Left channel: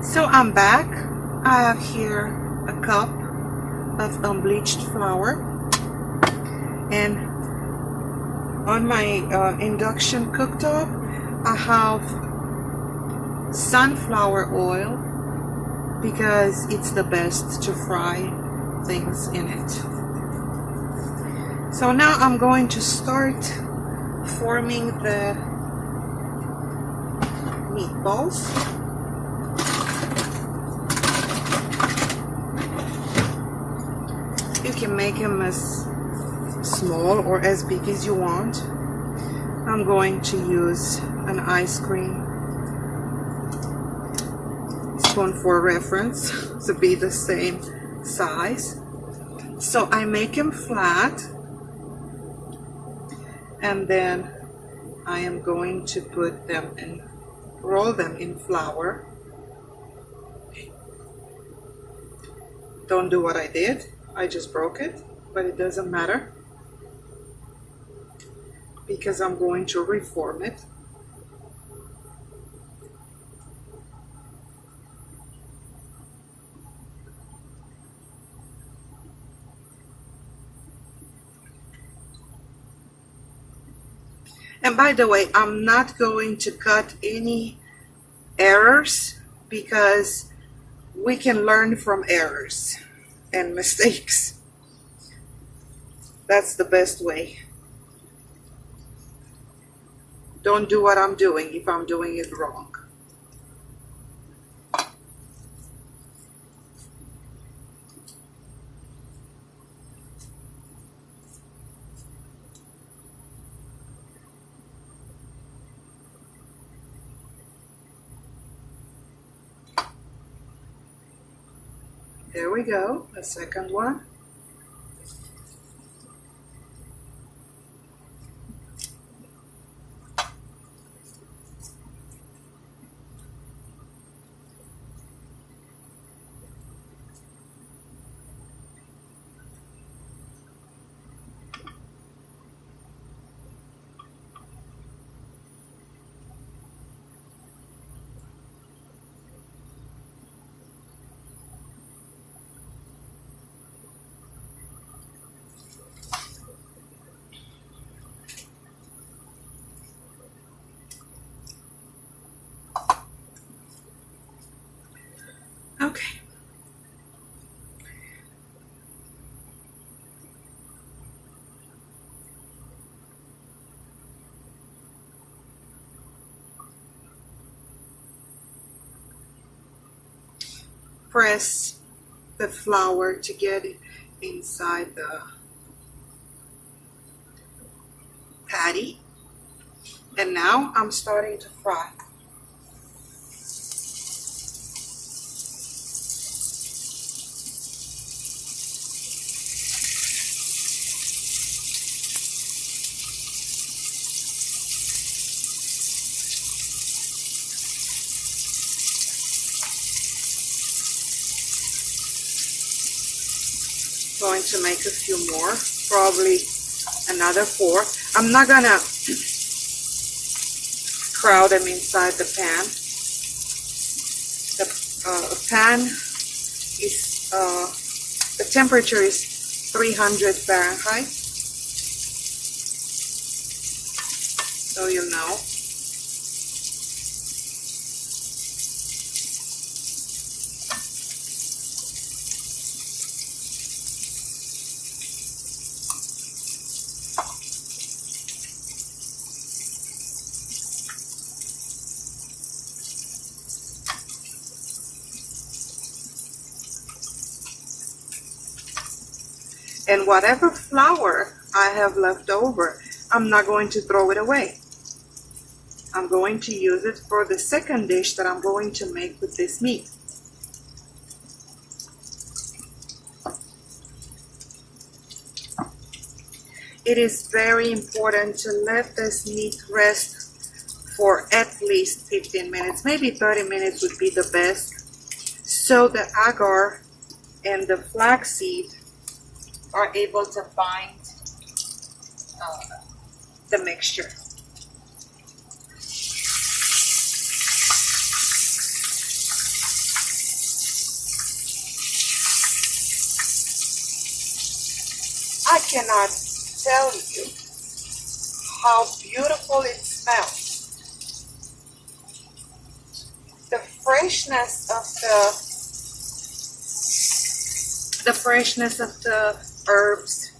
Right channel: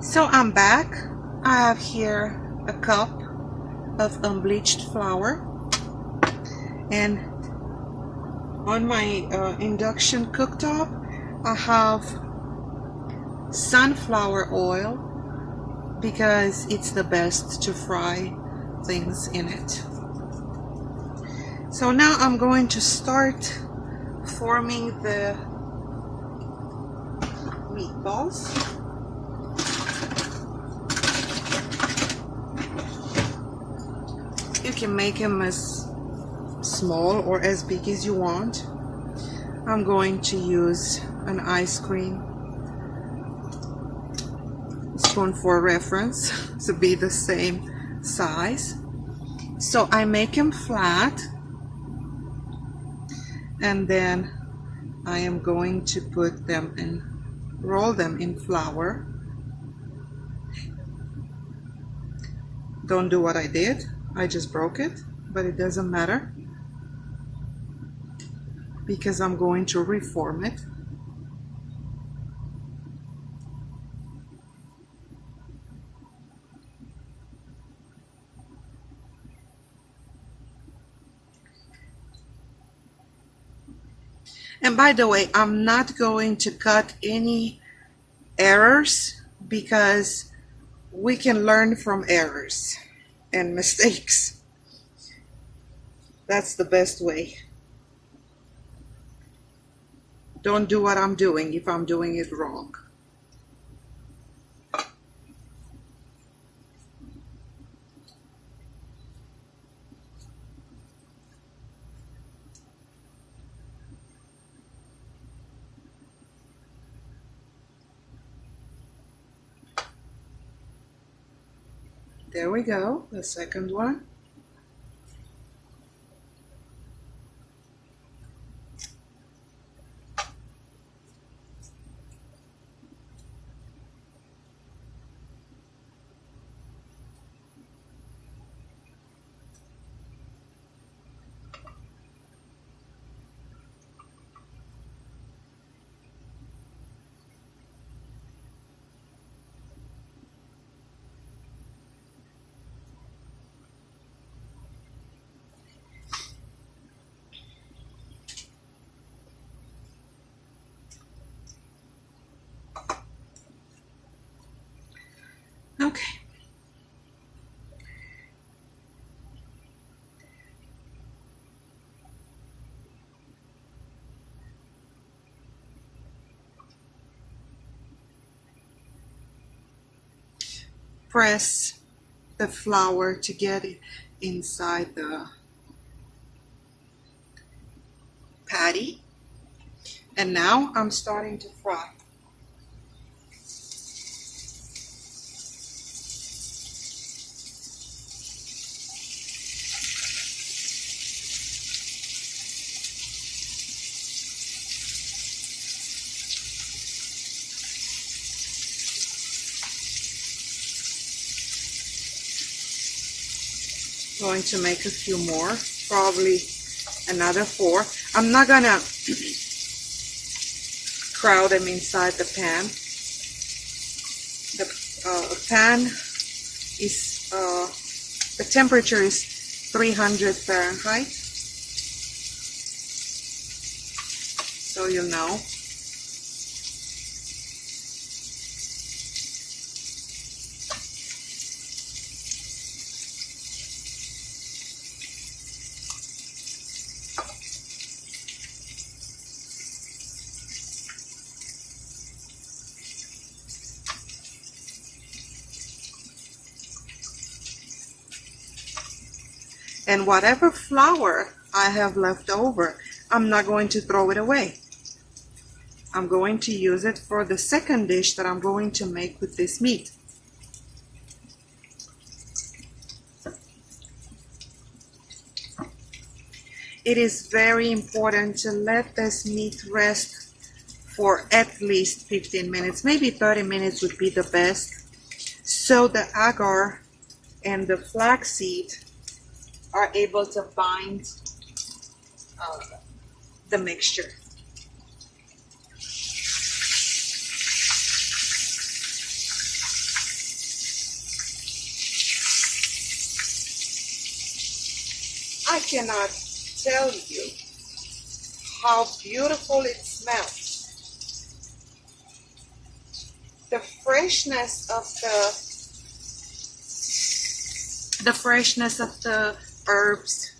So I'm back. I have here a cup of unbleached flour, and on my induction cooktop I have sunflower oil because it's the best to fry things in it. So now I'm going to start forming the meatballs. You can make them as small or as big as you want. I'm going to use an ice cream spoon for reference to be the same size. So I make them flat, and then I am going to put them in, roll them in flour. Don't do what I did. I just broke it, but it doesn't matter because I'm going to reform it. And by the way, I'm not going to cut any errors because we can learn from errors and mistakes. That's the best way. Don't do what I'm doing if I'm doing it wrong. There we go, the second one. Okay. Press the flour to get it inside the patty. And now I'm starting to fry. Going to make a few more, probably another 4. I'm not gonna crowd them inside the pan. The pan is, the temperature is 300 Fahrenheit, so you know. And whatever flour I have left over, I'm not going to throw it away. I'm going to use it for the second dish that I'm going to make with this meat. It is very important to let this meat rest for at least 15 minutes, maybe 30 minutes would be the best, so the agar and the flaxseed are able to bind the mixture. cannot tell you how beautiful it smells. The freshness of the herbs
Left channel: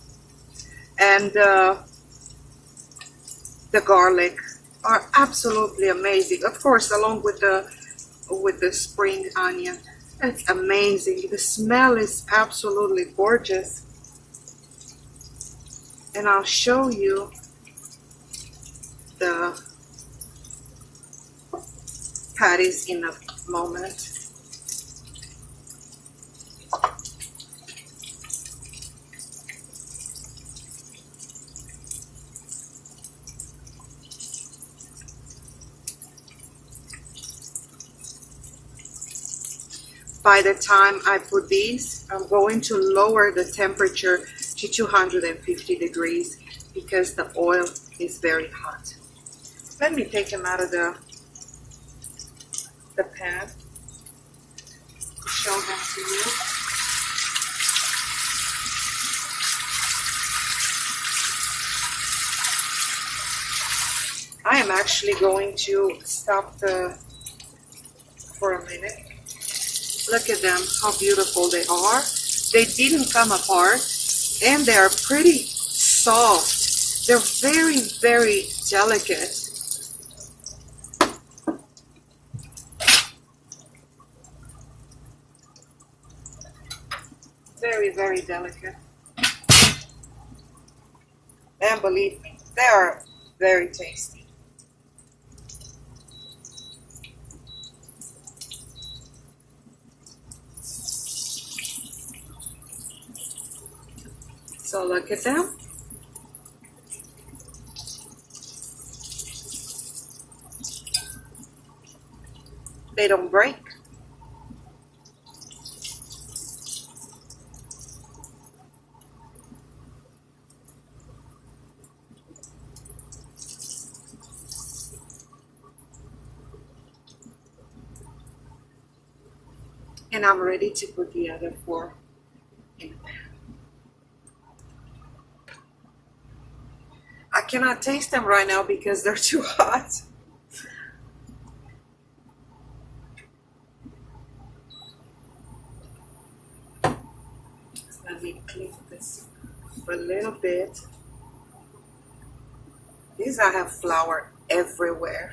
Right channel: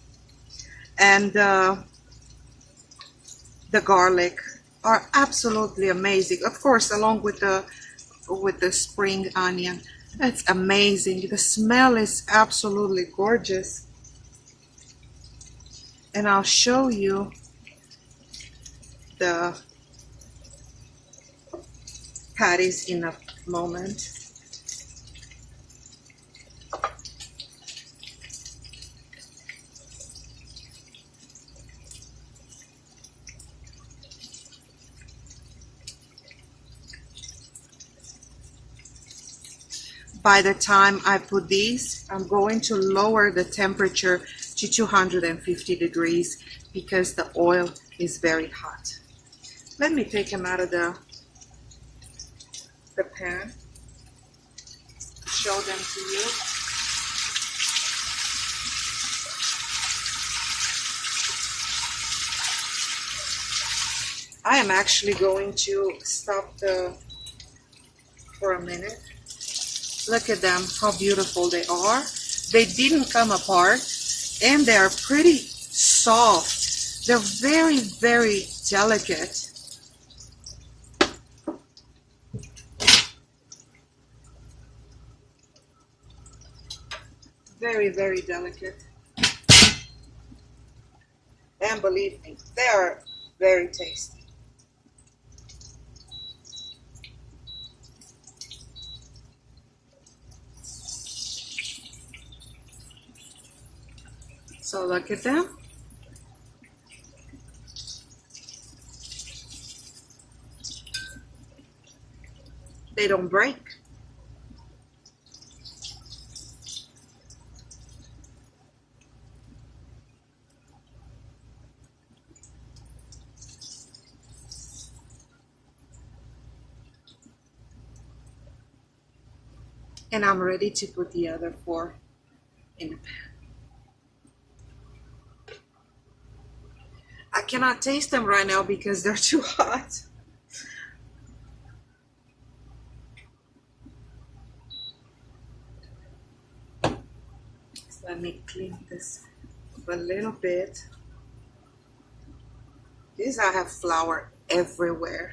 and the garlic are absolutely amazing. Of course, along with the spring onion. It's amazing. The smell is absolutely gorgeous. And I'll show you the patties in a moment. By the time I put these, I'm going to lower the temperature to 250 degrees because the oil is very hot. Let me take them out of the pan, show them to you. I am actually going to stop for a minute. Look at them, how beautiful they are. They didn't come apart and they are pretty soft. They're very, very delicate. Very, very delicate. And believe me, they are very tasty. So look at them. They don't break. And I'm ready to put the other 4 in the pan. I cannot taste them right now because they're too hot. So let me clean this a little bit. These I have flour everywhere.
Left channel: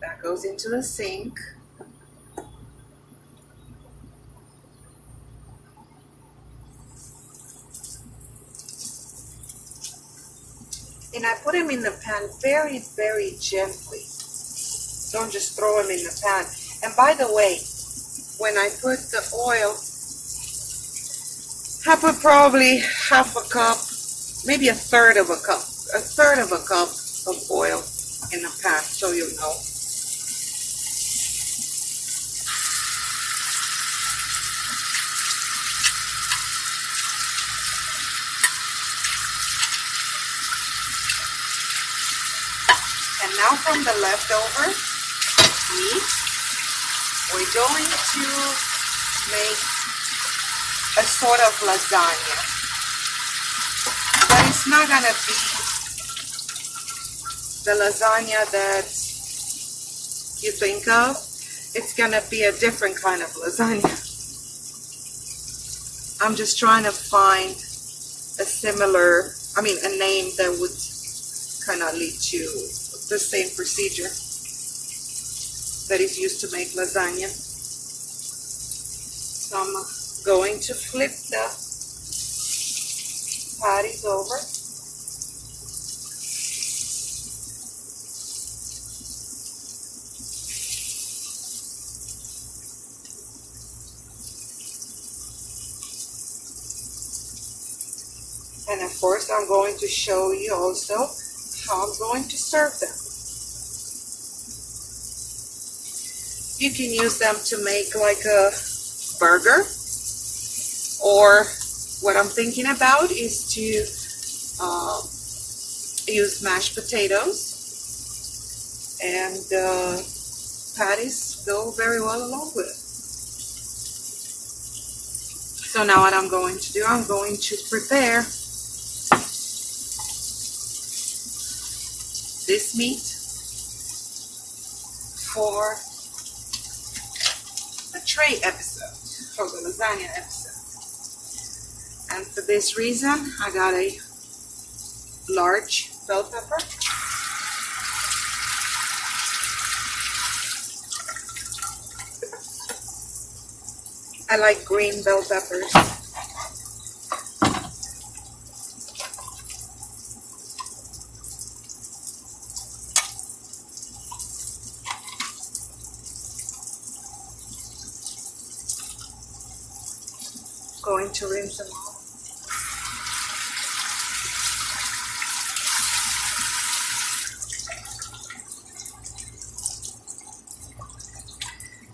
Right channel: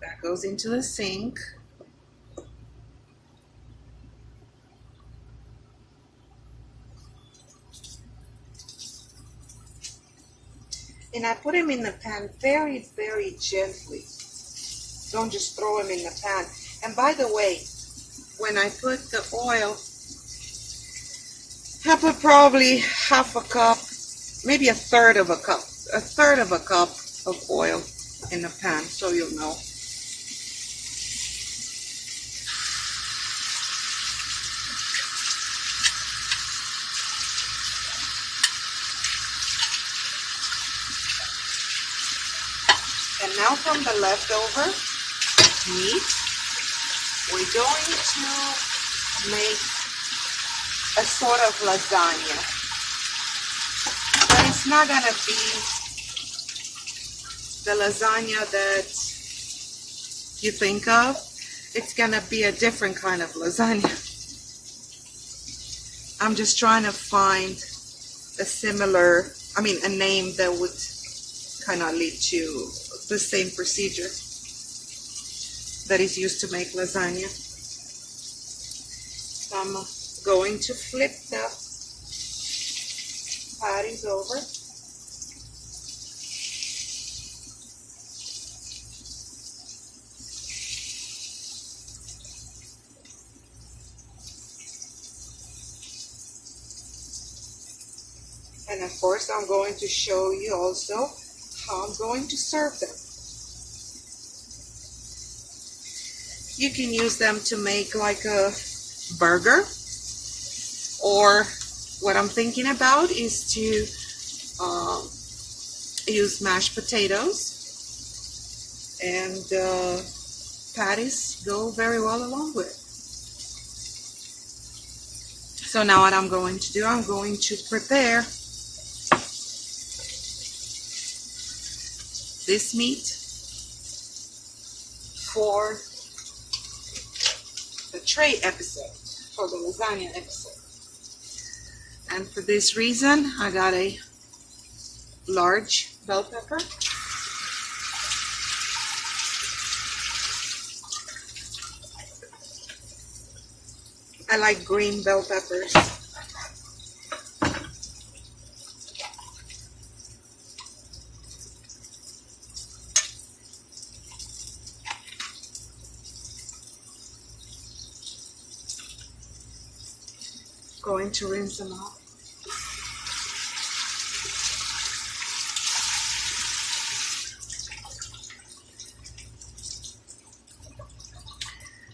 That goes into the sink. And I put them in the pan very, very gently. Don't just throw them in the pan. And by the way, when I put the oil, I put probably half a cup, maybe a third of a cup of oil in the pan, so you'll know. And now from the leftover meat, we're going to make a sort of lasagna. But it's not gonna be the lasagna that you think of. It's gonna be a different kind of lasagna. I'm just trying to find a similar, a name that would kind of lead to the same procedure that is used to make lasagna. So I'm going to flip the patties over. And of course, I'm going to show you also how I'm going to serve them. You can use them to make like a burger, or what I'm thinking about is to use mashed potatoes, and patties go very well along with it. So now what I'm going to do, I'm going to prepare this meat for the tray episode, for the lasagna episode. And for this reason, I got a large bell pepper. I like green bell peppers. Going to rinse them off.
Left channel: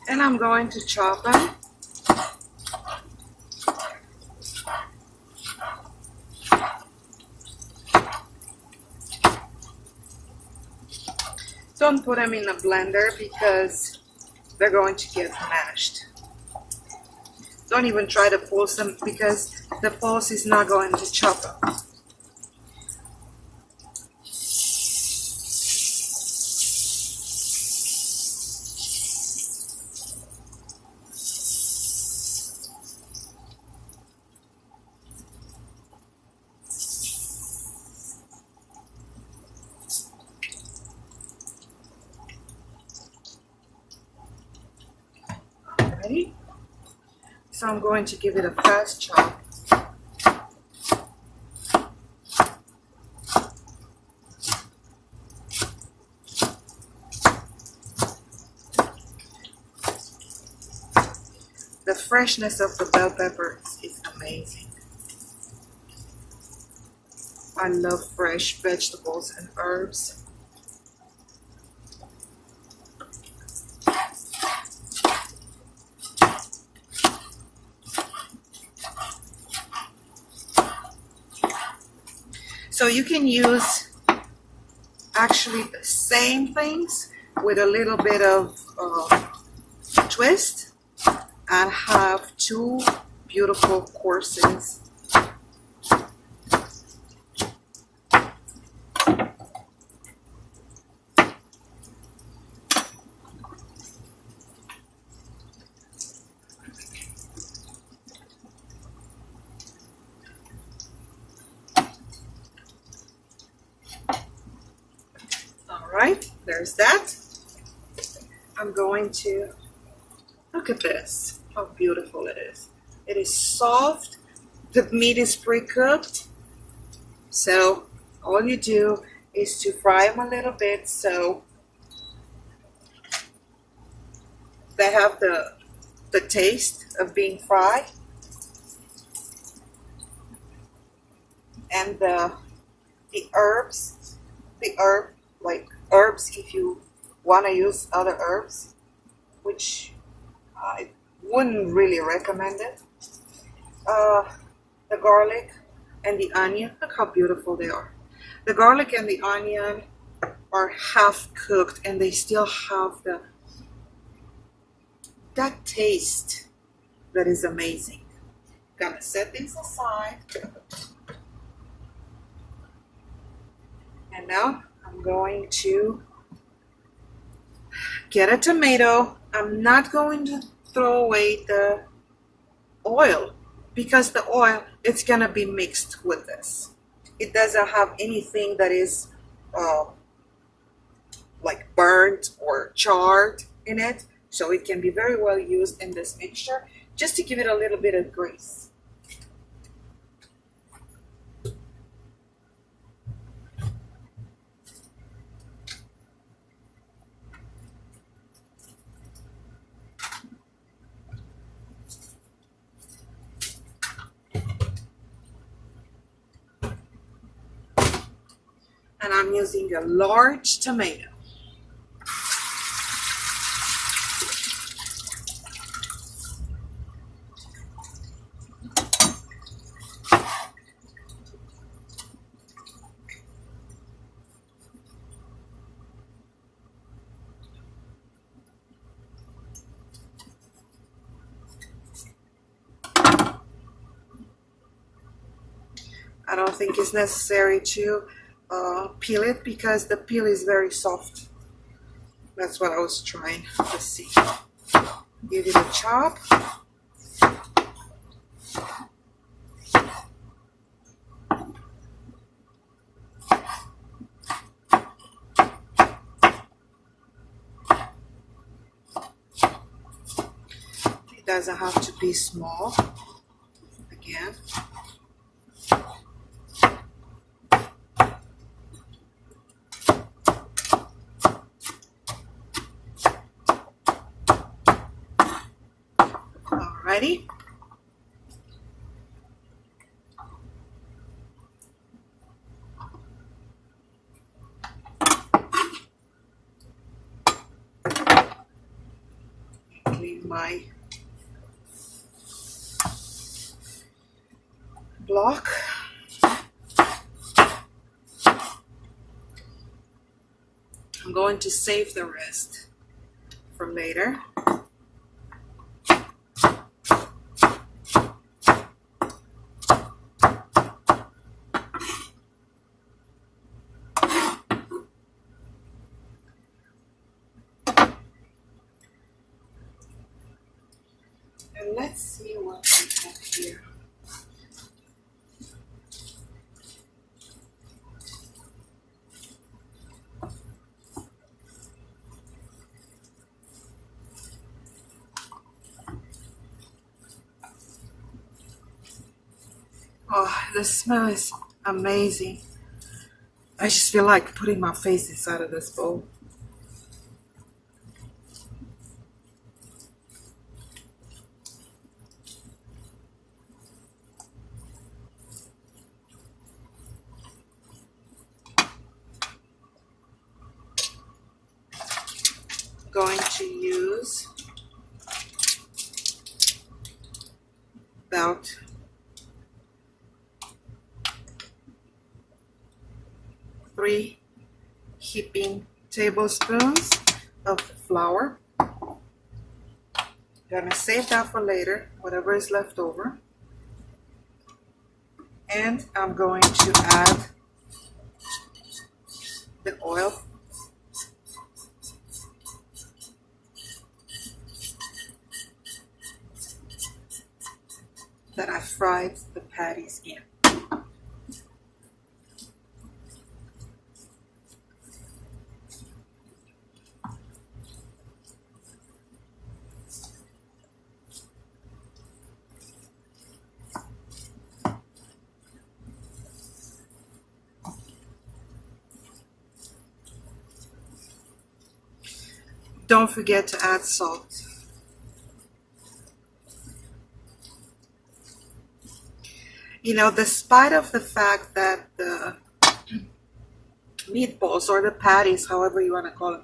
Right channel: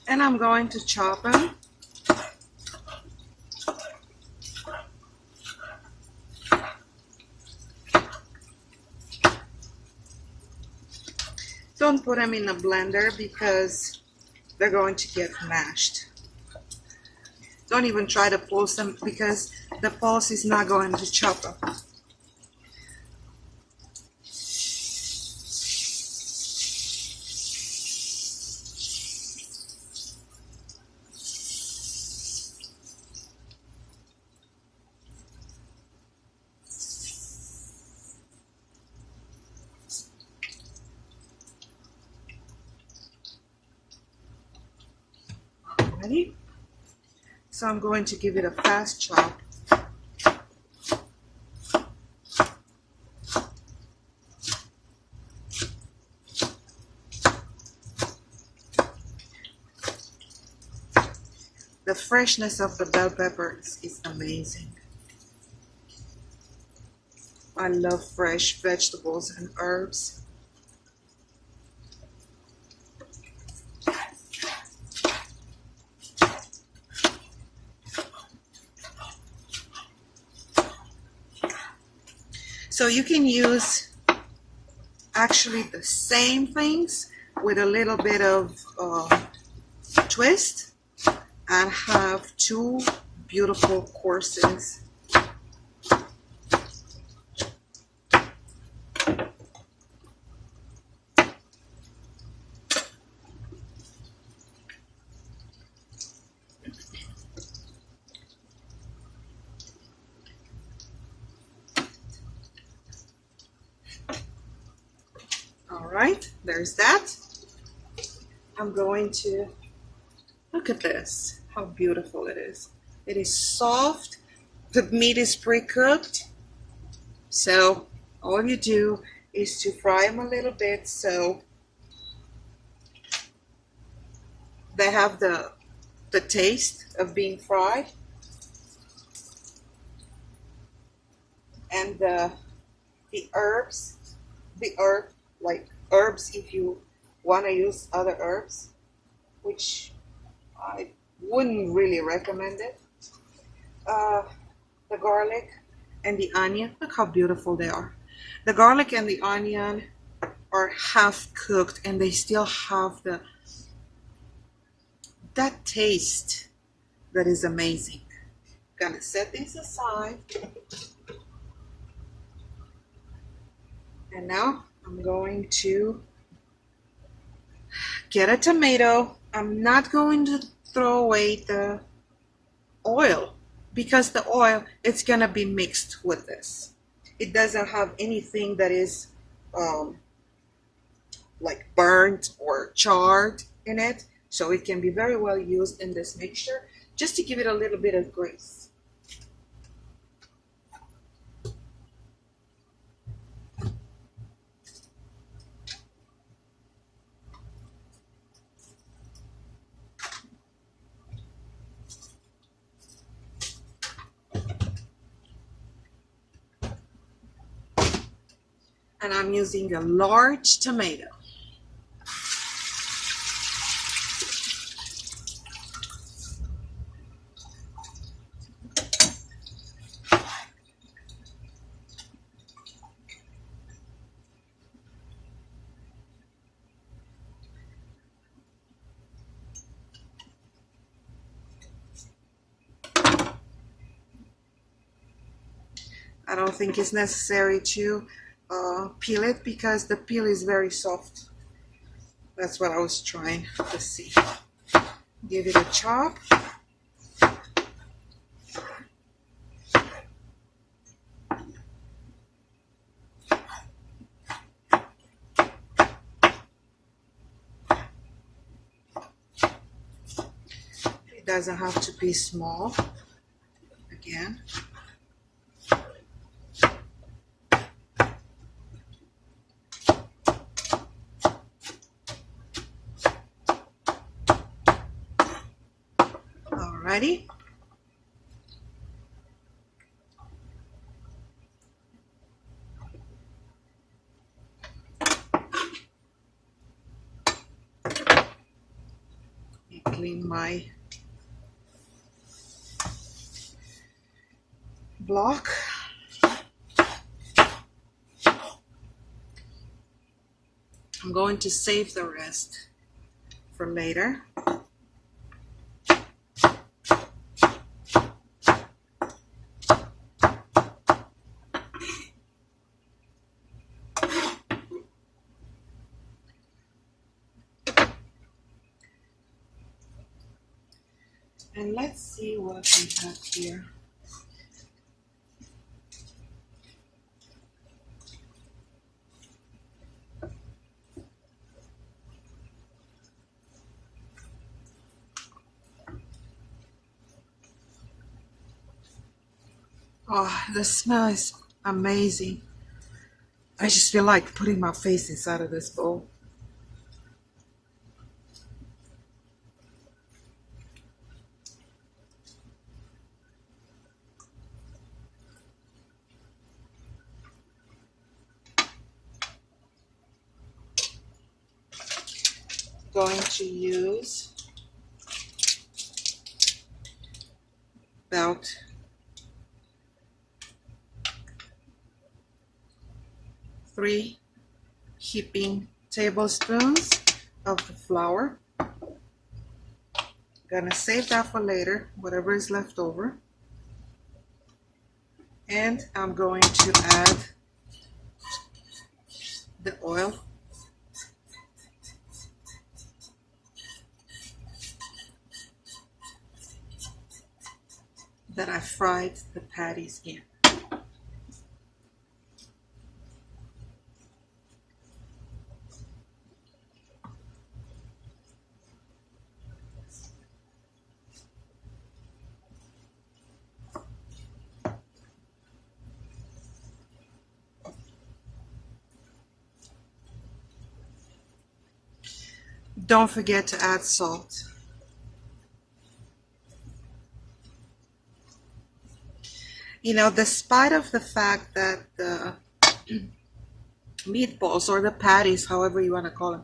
And I'm going to chop them. Don't put them in a blender because they're going to get mashed. Don't even try to pulse them because the pulse is not going to chop them. Alrighty. So I'm going to give it a fast chop. The freshness of the bell peppers is amazing. I love fresh vegetables and herbs. So you can use actually the same things with a little bit of twist and have two beautiful courses. Alright, there's that. I'm going to look at this, how beautiful it is. It is soft, the meat is pre-cooked, so all you do is to fry them a little bit so they have the taste of being fried. And the herbs, like herbs if you want to use other herbs, which I wouldn't really recommend it. The garlic and the onion, look how beautiful they are. The garlic and the onion are half cooked and they still have that taste that is amazing. Gonna set these aside. And now I'm going to get a tomato. I'm not going to throw away the oil because the oil, it's gonna be mixed with this. It doesn't have anything that is like burnt or charred in it, so it can be very well used in this mixture just to give it a little bit of grace. And I'm using a large tomato. I don't think it's necessary to peel it because the peel is very soft. That's what I was trying to see. Give it a chop. It doesn't have to be small. Again. Alrighty. Clean my block. I'm going to save the rest for later. And let's see what we have here. Oh, the smell is amazing. I just feel like putting my face inside of this bowl. Going to use about 3 heaping tablespoons of the flour. Gonna save that for later, whatever is left over. And I'm going to add the oil. That I fried the patties in. Don't forget to add salt. You know, despite of the fact that the meatballs or the patties, however you want to call them,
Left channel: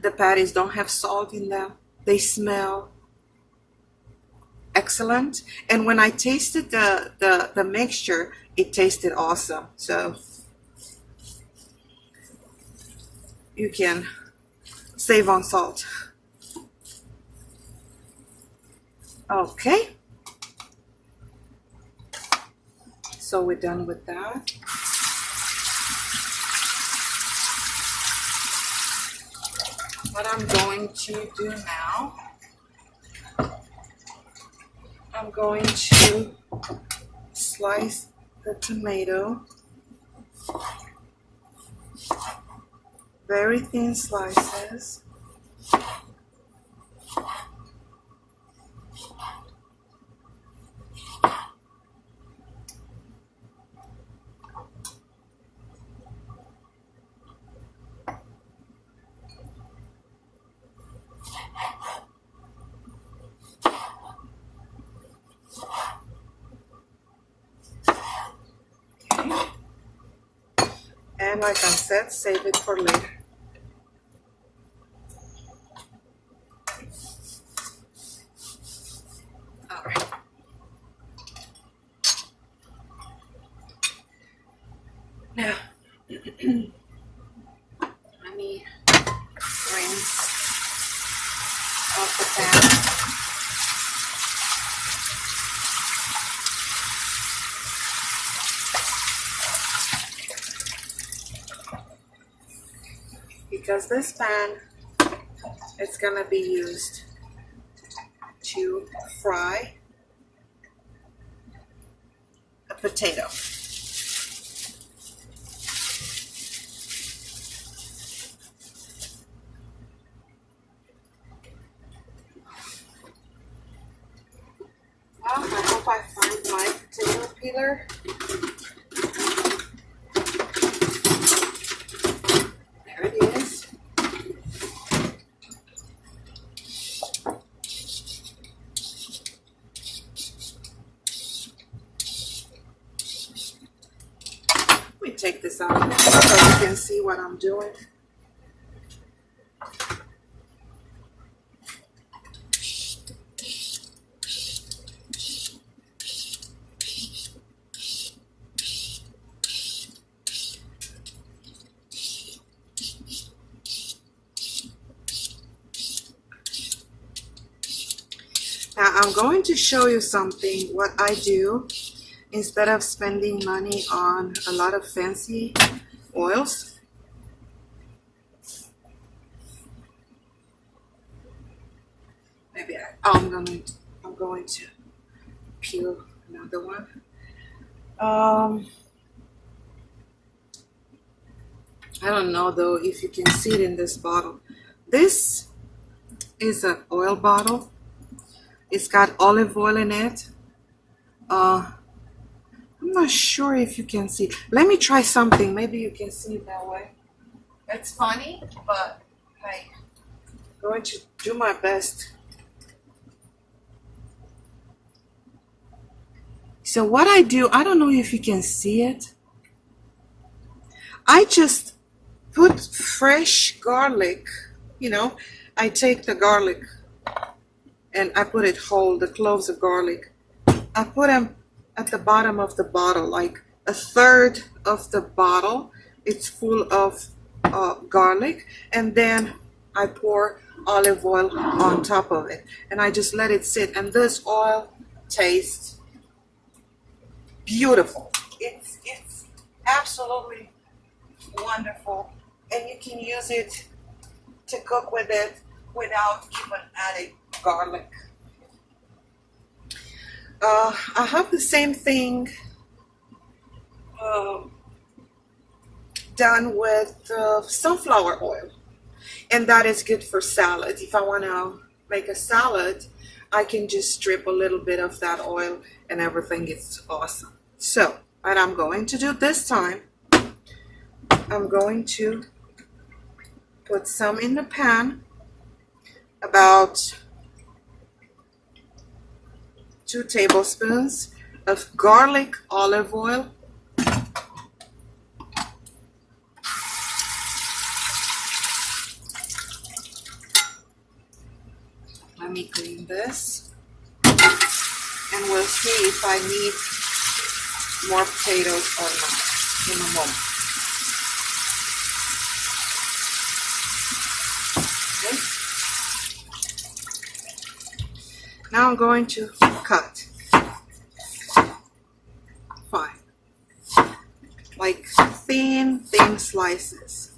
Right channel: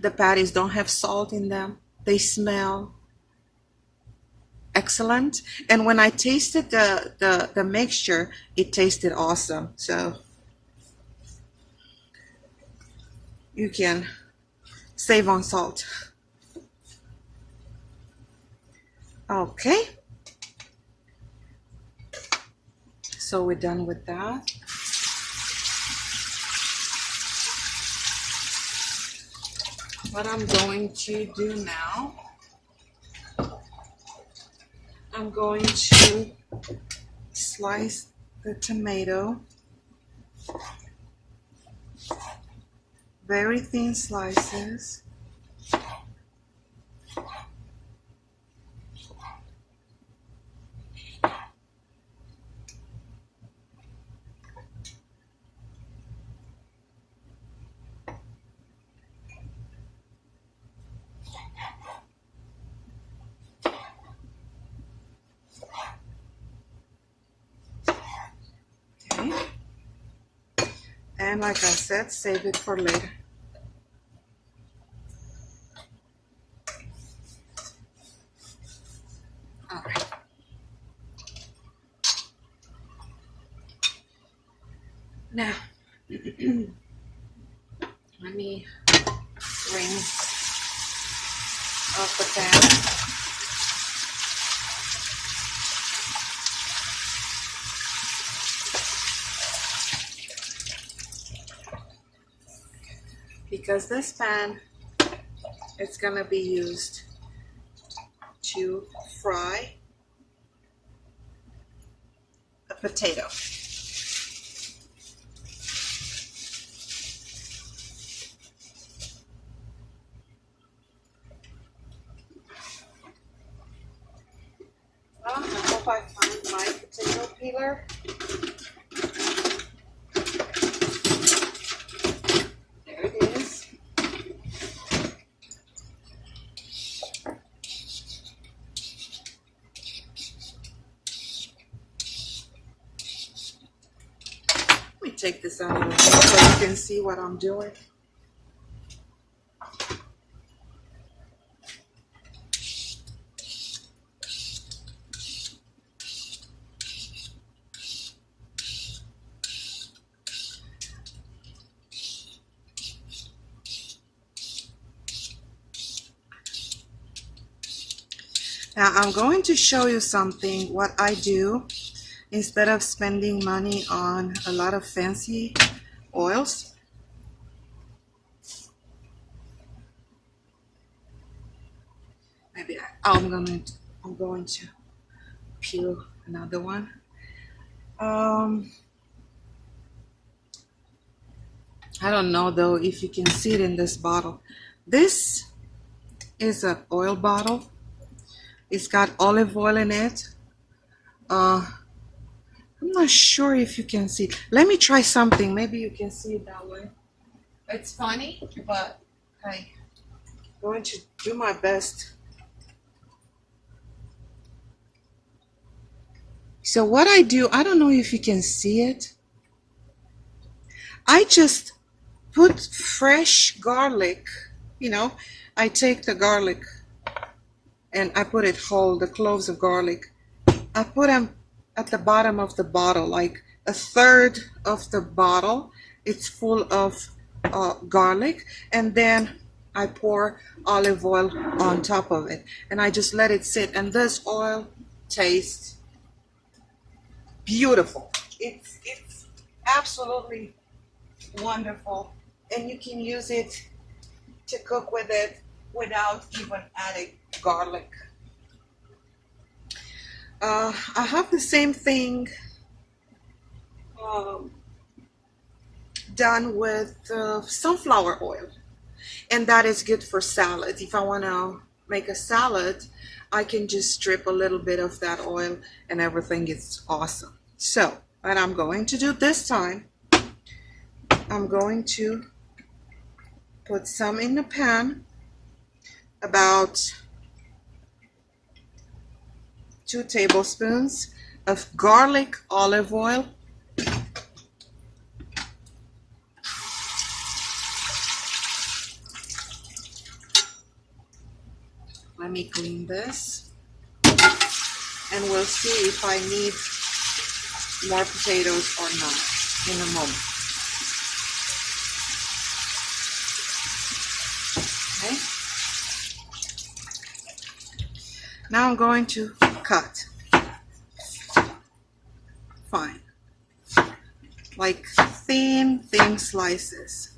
the patties don't have salt in them, they smell excellent. And when I tasted the mixture, it tasted awesome. So you can save on salt. Okay. So we're done with that. What I'm going to do now, I'm going to slice the tomato, very thin slices. And like I said, save it for later. All right. Now, let me rinse off the pan. because this pan is gonna be used to fry a potato. Well, I hope I find my potato peeler. There it is. Let me take this out of the way so you can see what I'm doing. Now I'm going to show you something, what I do instead of spending money on a lot of fancy oils. Maybe I'm going to peel another one. I don't know though if you can see it in this bottle. This is an oil bottle. It's got olive oil in it. I'm not sure if you can see. Let me try something. Maybe you can see it that way. It's funny, but hey, I'm going to do my best. So what I do, I don't know if you can see it. I just put fresh garlic, you know, I take the garlic and I put it whole, the cloves of garlic. I put them at the bottom of the bottle, like a third of the bottle. It's full of garlic, and then I pour olive oil on top of it, and I just let it sit. And this oil tastes beautiful. It's absolutely wonderful, and you can use it to cook with it without even adding garlic. I have the same thing done with sunflower oil, and that is good for salad. If I want to make a salad, I can just strip a little bit of that oil and everything is awesome. So what I'm going to do this time, I'm going to put some in the pan, about 2 tablespoons of garlic olive oil. Let me clean this, and we'll see if I need more potatoes or not in a moment. Okay. Now I'm going to cut fine, like thin slices.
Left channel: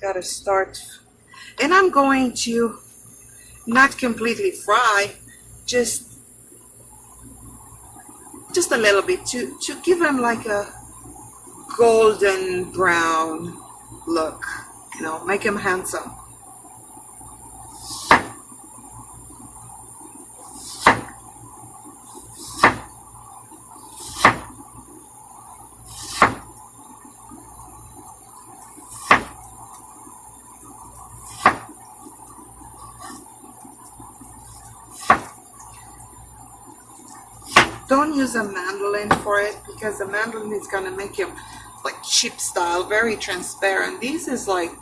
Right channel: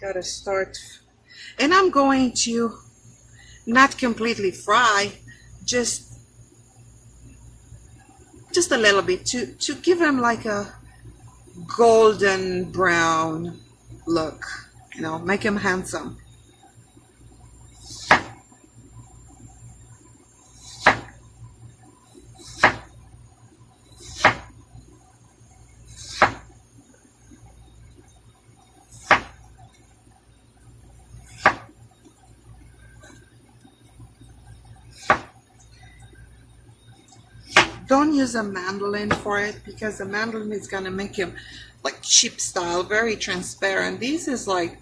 Gotta start, and I'm going to not completely fry, just a little bit to give them like a golden brown look, you know, make them handsome. Don't use a mandolin for it, because the mandolin is gonna make him like chip style, very transparent. This is like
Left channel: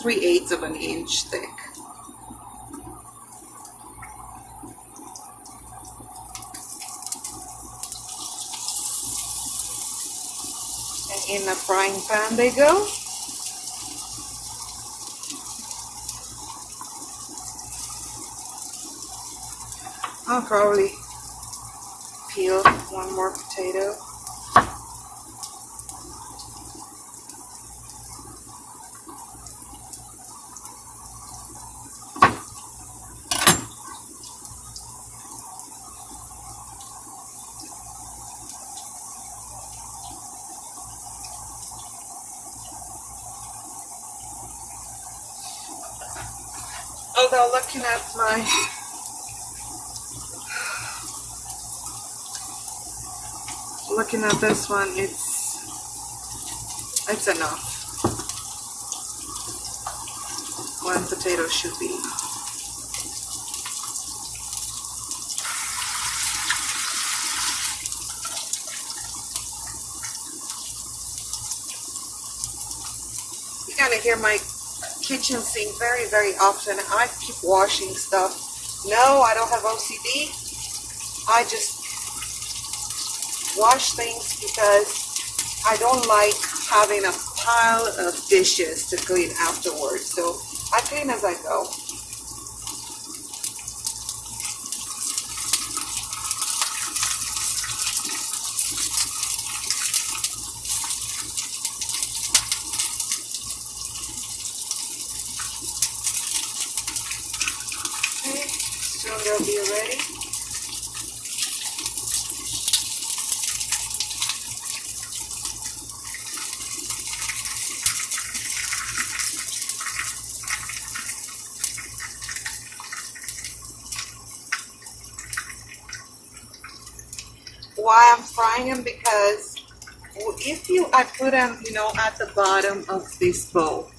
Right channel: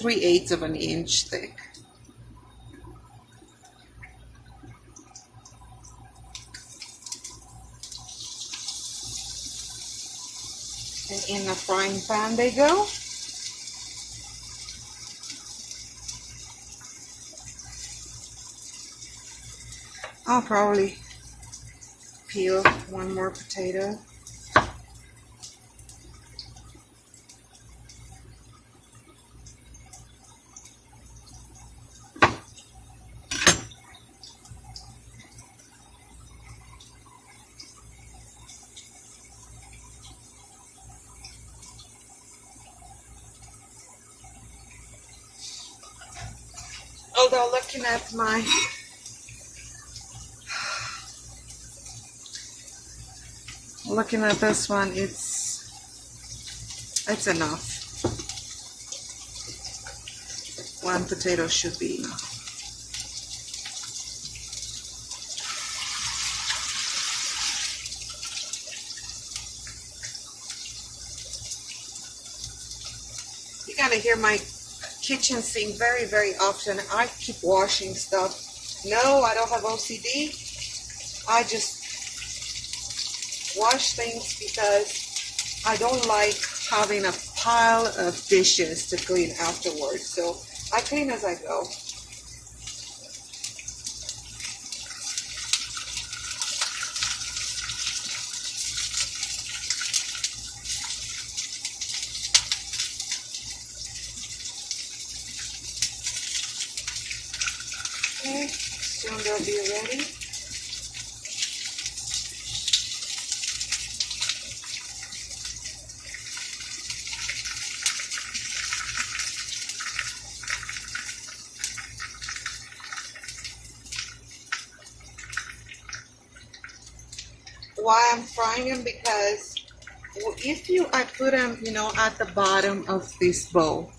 3/8 of an inch thick. And in a frying pan they go. I'll probably peel one more potato. Although looking at this one, it's enough. One potato should be enough. You're gonna hear my kitchen sink very, very often. I keep washing stuff. No, I don't have OCD. I just wash things because I don't like having a pile of dishes to clean afterwards. So I clean as I go. Okay, soon they'll be ready. Why I'm frying them? Because I put them, at the bottom of this bowl,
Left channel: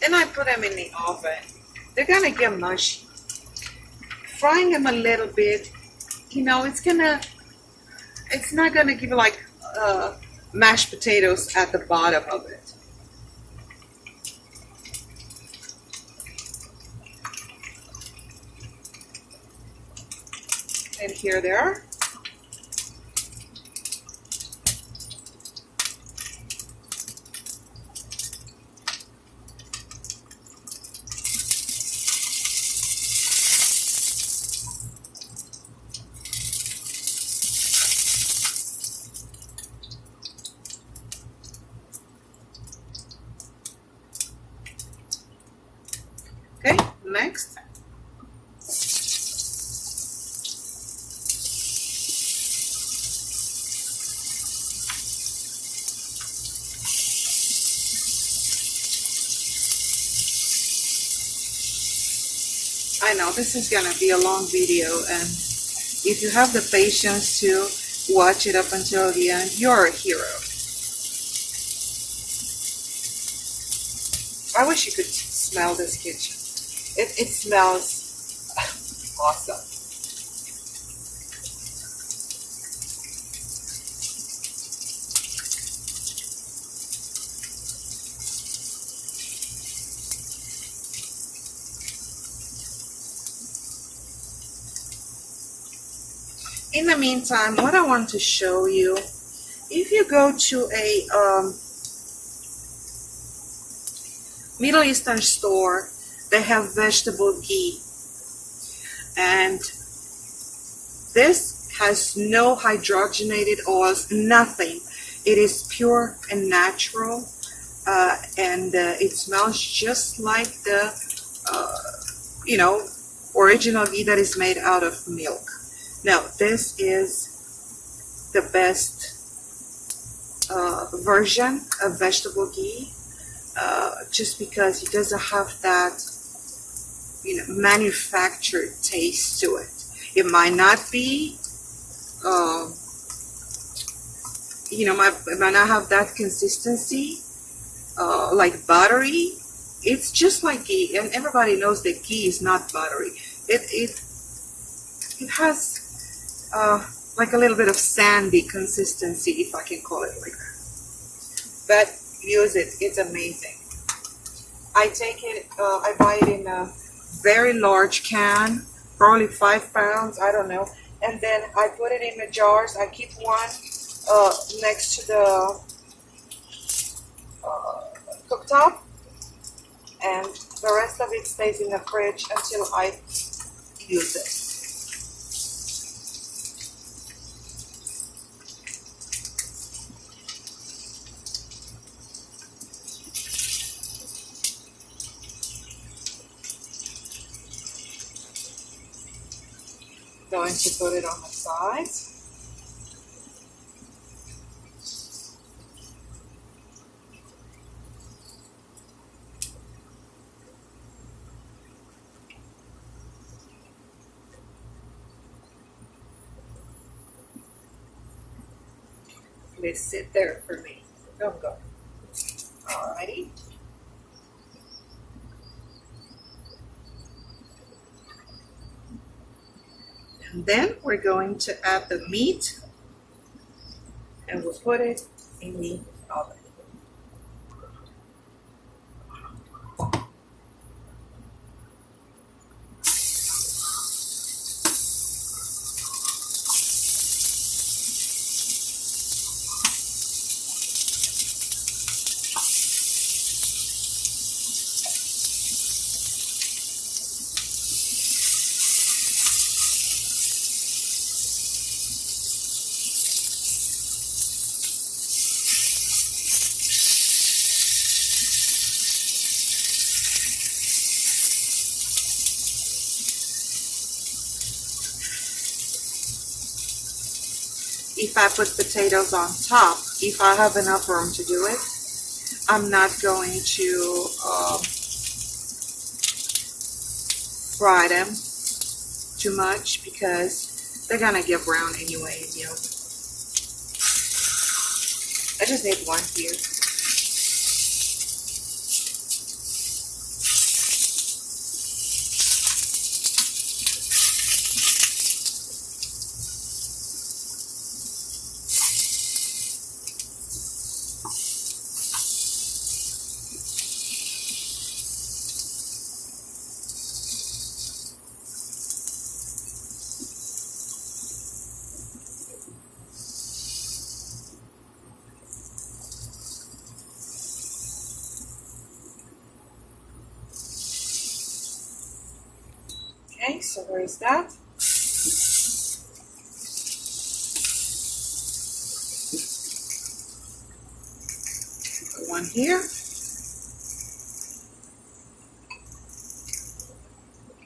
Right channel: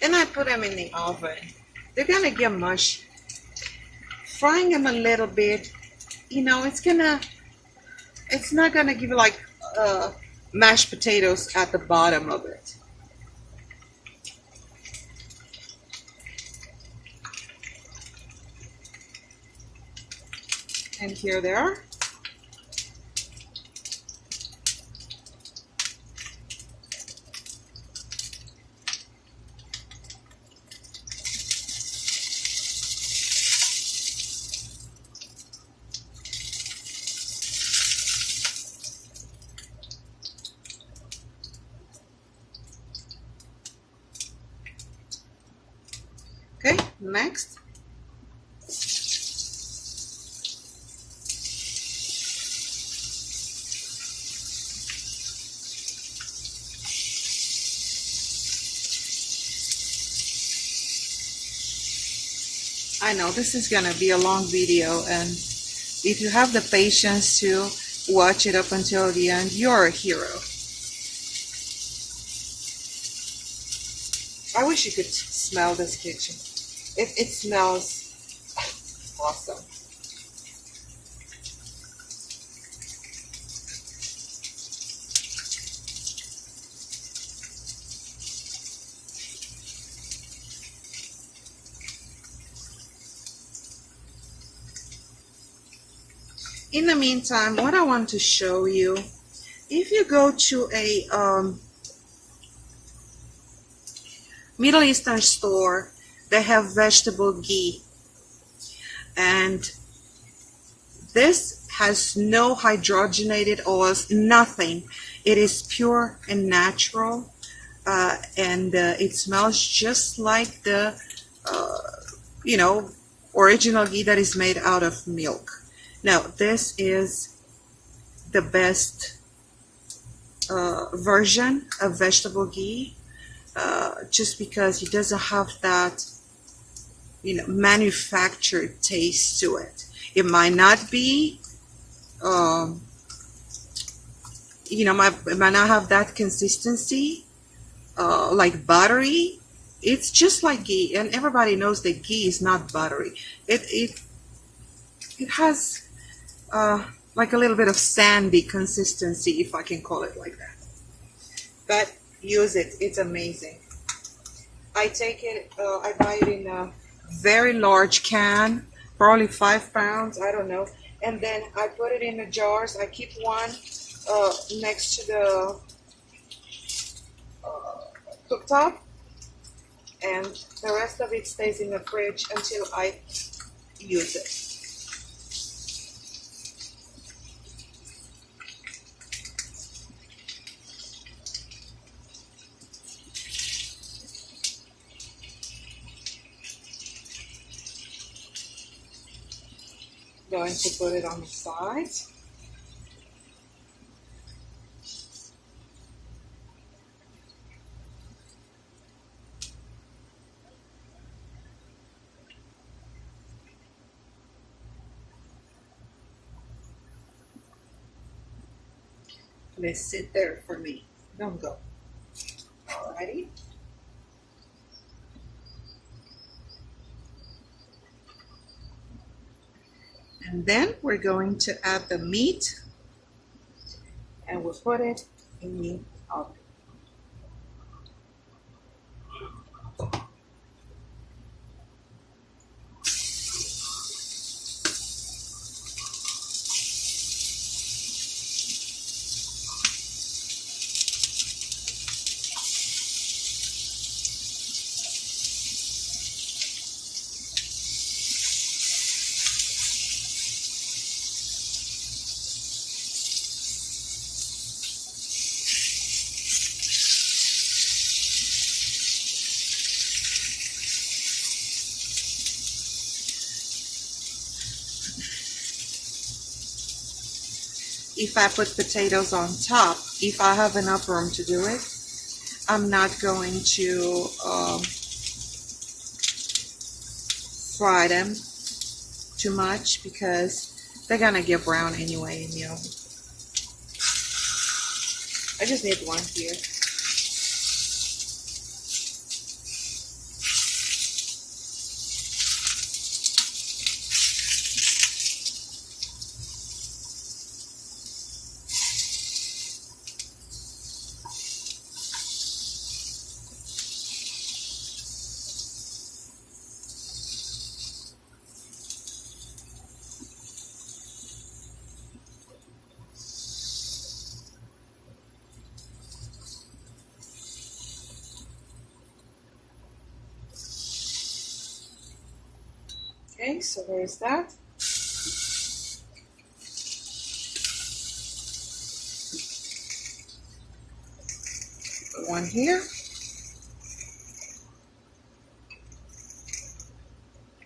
then I put them in the oven, they're gonna get mushy. Frying them a little bit, it's not gonna give you like mashed potatoes at the bottom of it. And here they are. Okay, next. I know this is gonna be a long video, and if you have the patience to watch it up until the end, you're a hero. I wish you could smell this kitchen. It smells awesome. In the meantime, what I want to show you, if you go to a Middle Eastern store, they have vegetable ghee, and this has no hydrogenated oils, nothing. It is pure and natural, and it smells just like the original ghee that is made out of milk. Now this is the best version of vegetable ghee, just because it doesn't have that manufactured taste to it. It might not be it might not have that consistency like buttery. It's just like ghee, and everybody knows that ghee is not buttery. It has like a little bit of sandy consistency, if I can call it like that. But use it, it's amazing. I take it, I buy it in a very large can, probably 5 pounds, I don't know. And then I put it in the jars. I keep one next to the cooktop, and the rest of it stays in the fridge until I use it. Going to put it on the side. Please sit there for me. Don't go. Alrighty. And then we're going to add the meat and we'll put it in the oven. If I put potatoes on top, if I have enough room to do it, I'm not going to fry them too much because they're gonna get brown anyway in the oven. I just need one here. Okay, so there's that. Put one here.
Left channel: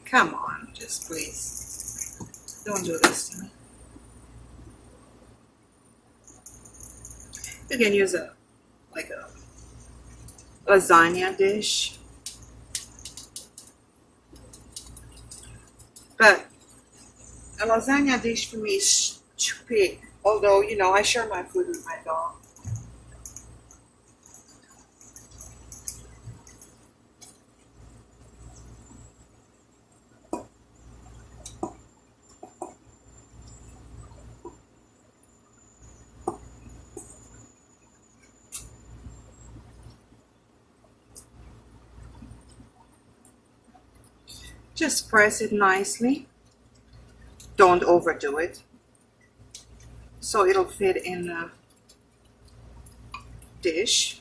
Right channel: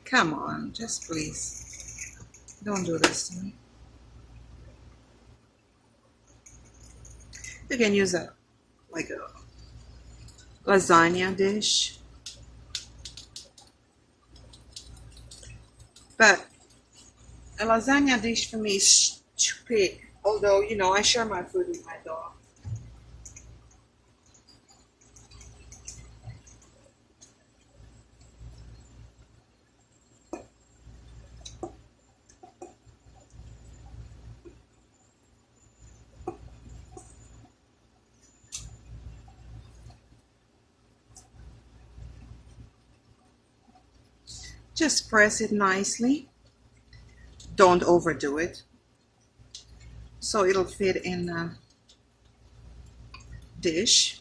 Come on, just please. Don't do this to me. You can use a lasagna dish. But a lasagna dish for me is too big. Although, you know, I share my food with my dog. Just press it nicely. Don't overdo it. So it'll fit in a dish.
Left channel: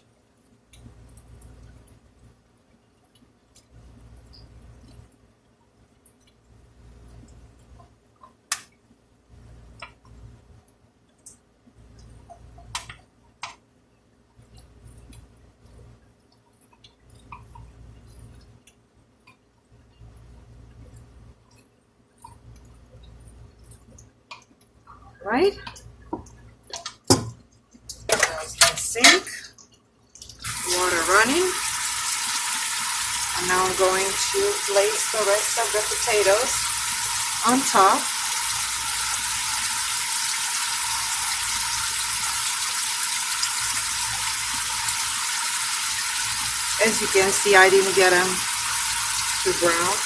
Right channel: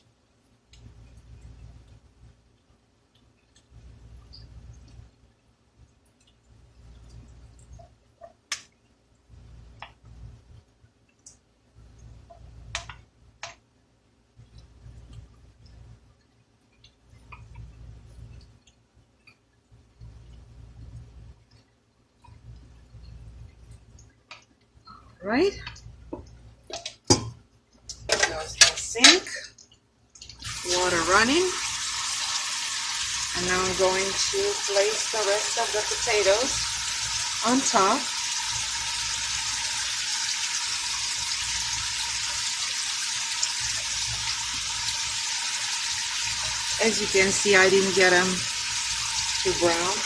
Right? That's my sink. Water running. And now I'm going to place the rest of the potatoes on top. As you can see, I didn't get them too brown.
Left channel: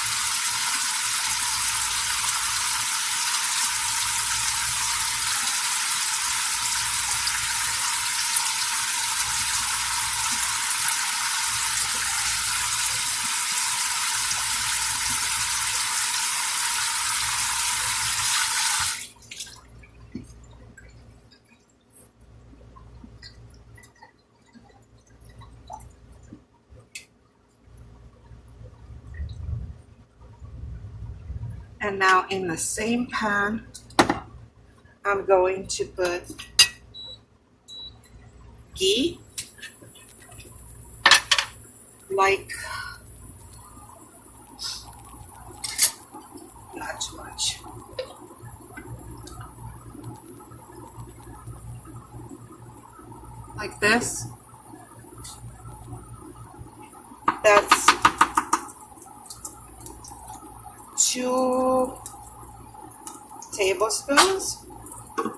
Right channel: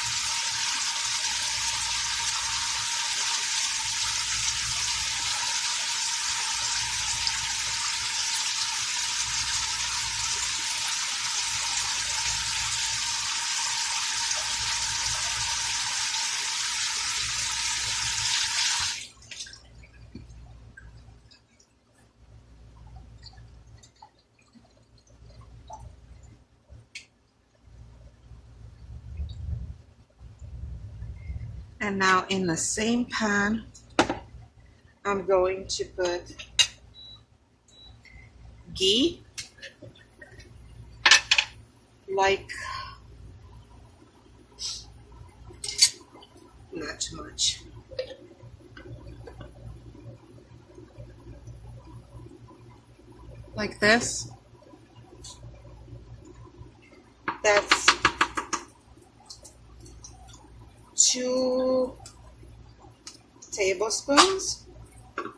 And now in the same pan, I'm going to put ghee, like not too much. like this. That's 2 tablespoons. And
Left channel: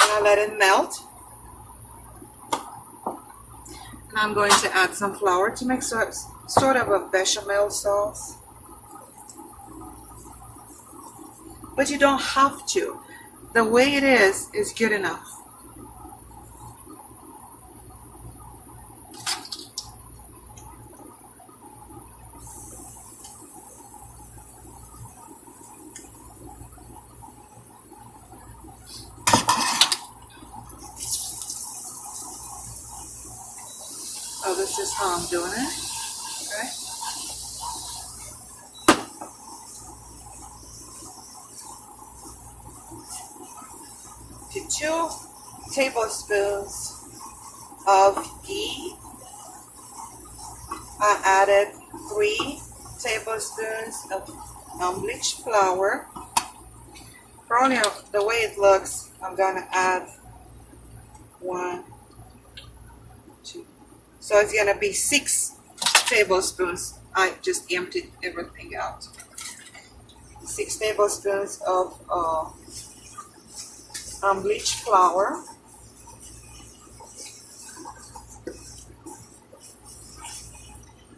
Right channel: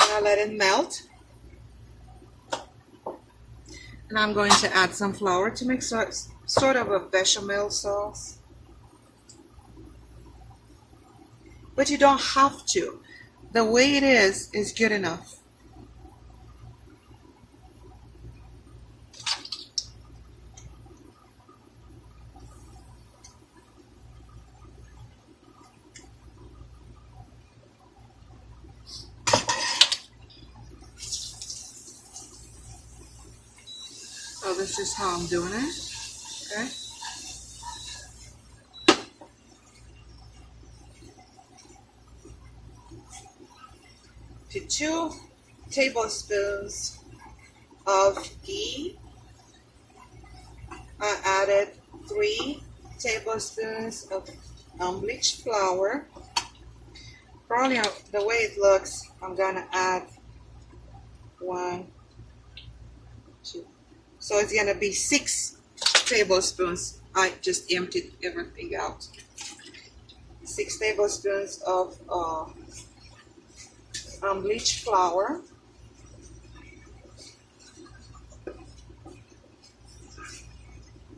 I let it melt. And I'm going to add some flour to make sort of a bechamel sauce. But you don't have to. The way it is good enough. So this is how I'm doing it. Okay. To 2 tablespoons of ghee, I added 3 tablespoons of unbleached flour. Probably the way it looks, I'm gonna add 1, 2. So it's gonna be 6 tablespoons. I just emptied everything out. 6 tablespoons of unbleached flour.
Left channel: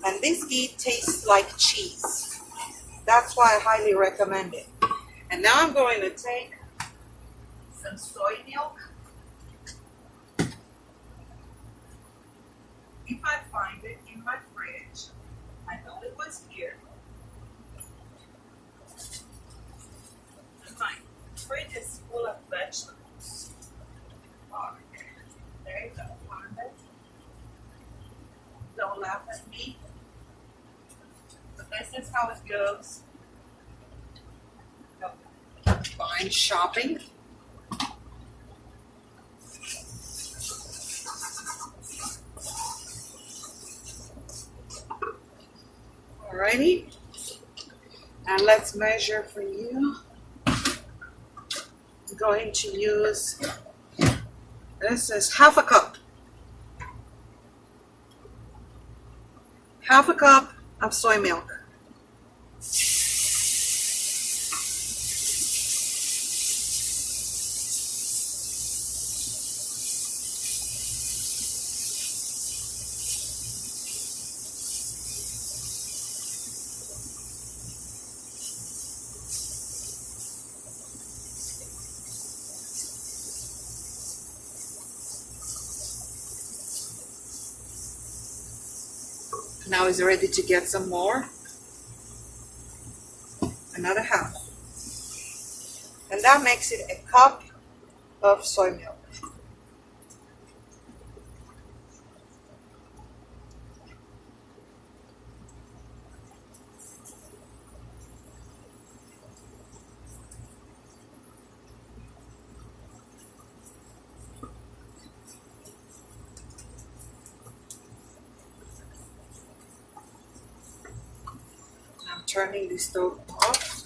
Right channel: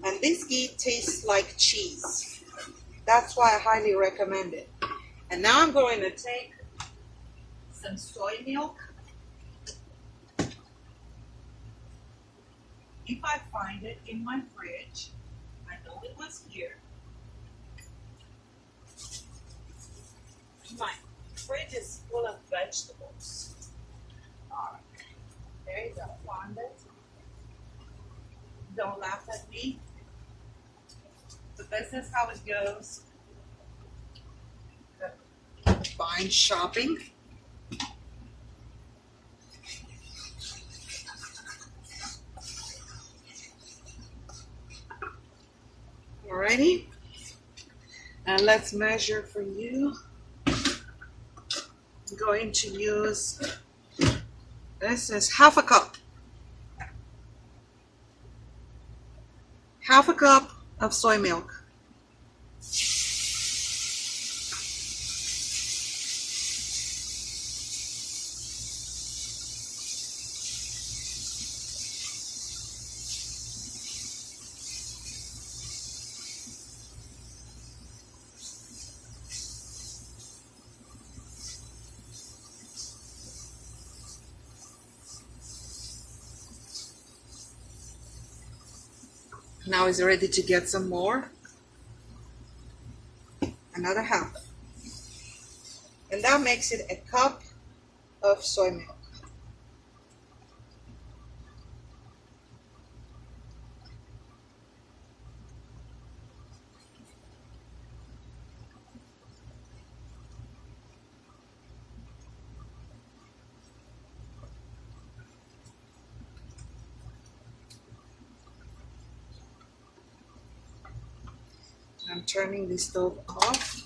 And this ghee tastes like cheese. That's why I highly recommend it. And now I'm going to take some soy milk. If I find it in my fridge, I know it was here. My fridge is full of vegetables. Alright, there you go, found it. Don't laugh at me. But this is how it goes. Fine shopping. Alrighty. Now let's measure for you. I'm going to use, this is half a cup. Half a cup of soy milk. Now it's ready to get some more. Another half. And that makes it a cup of soy milk. I'm turning the stove off.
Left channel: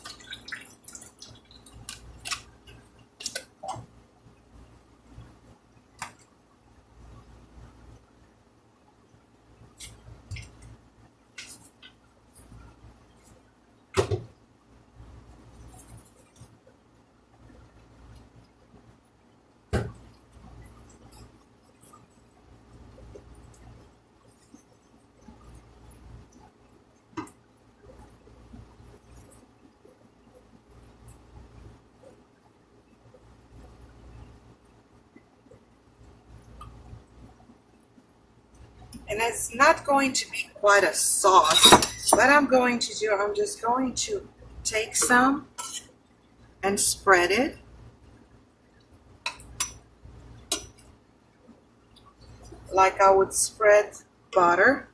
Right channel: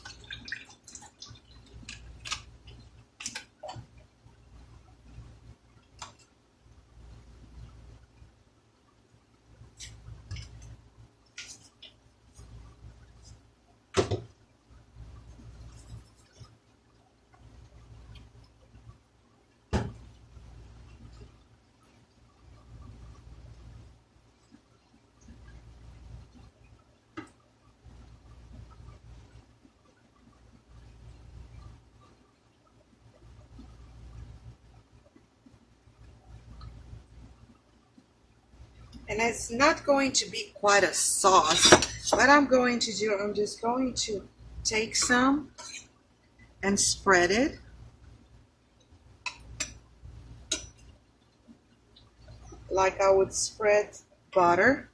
And it's not going to be quite a sauce. What I'm going to do, I'm just going to take some and spread it. Like I would spread butter.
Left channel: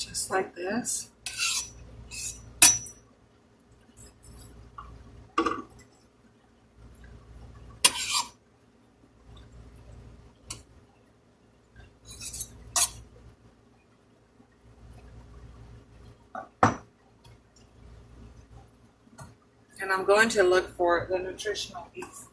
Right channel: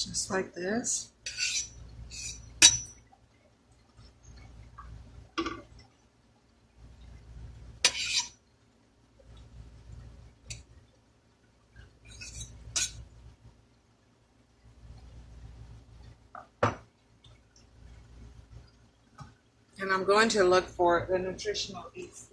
just like this. And I'm going to look for the nutritional yeast.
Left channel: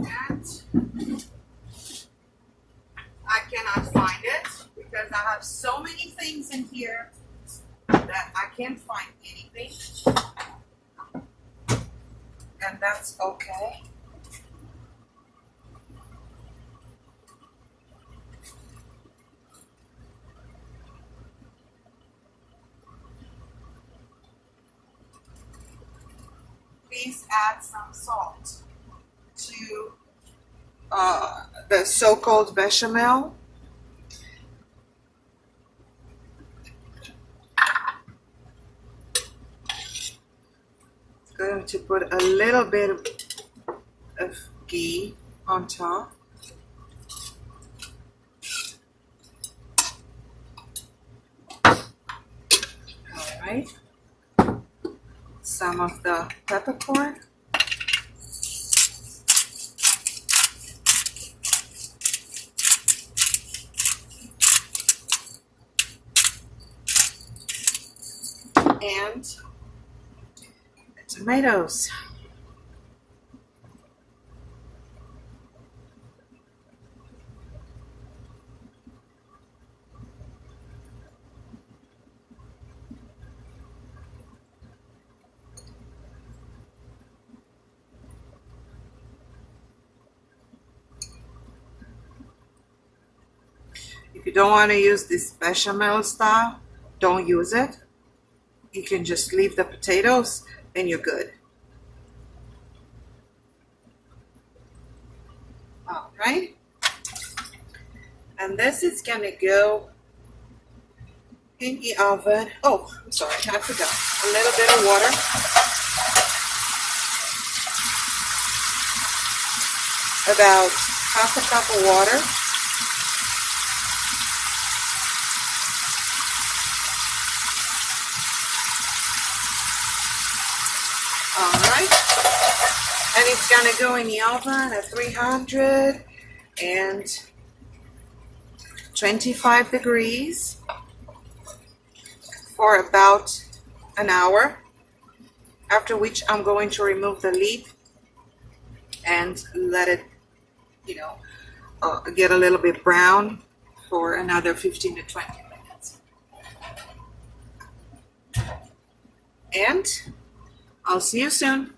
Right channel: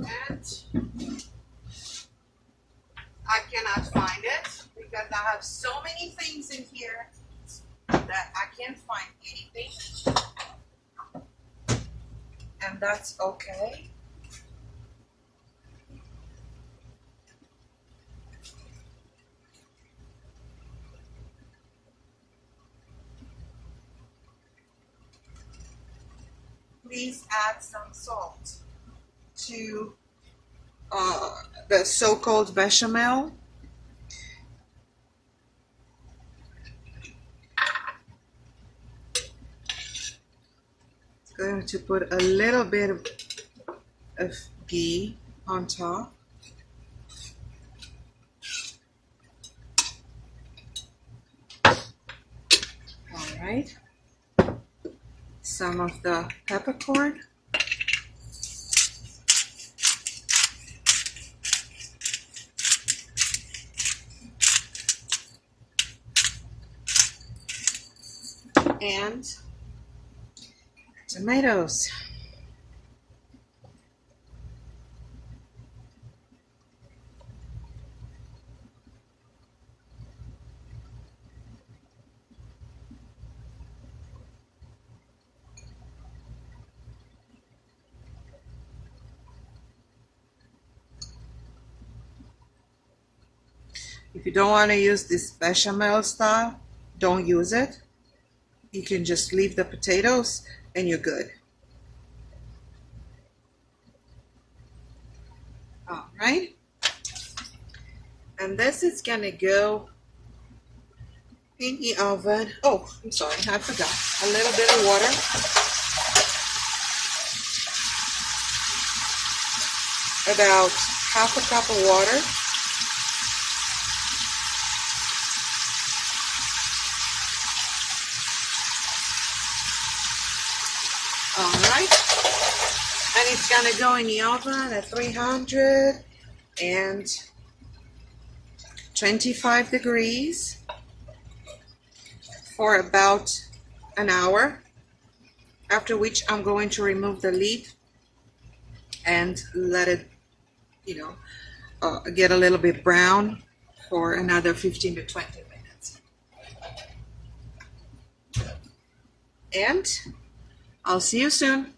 And I cannot find it because I have so many things in here that I can't find anything. And that's okay. Please add some salt to the so-called bechamel. Going to put a little bit of ghee on top. All right. Some of the peppercorn. And tomatoes. If you don't want to use this bechamel style, don't use it. You can just leave the potatoes and you're good. All right. And this is gonna go in the oven. Oh, I'm sorry, I forgot. A little bit of water. About half a cup of water. All right. And it's gonna go in the oven at 325 degrees for about an hour, after which I'm going to remove the lid and let it, get a little bit brown for another 15 to 20 minutes. And I'll see you soon.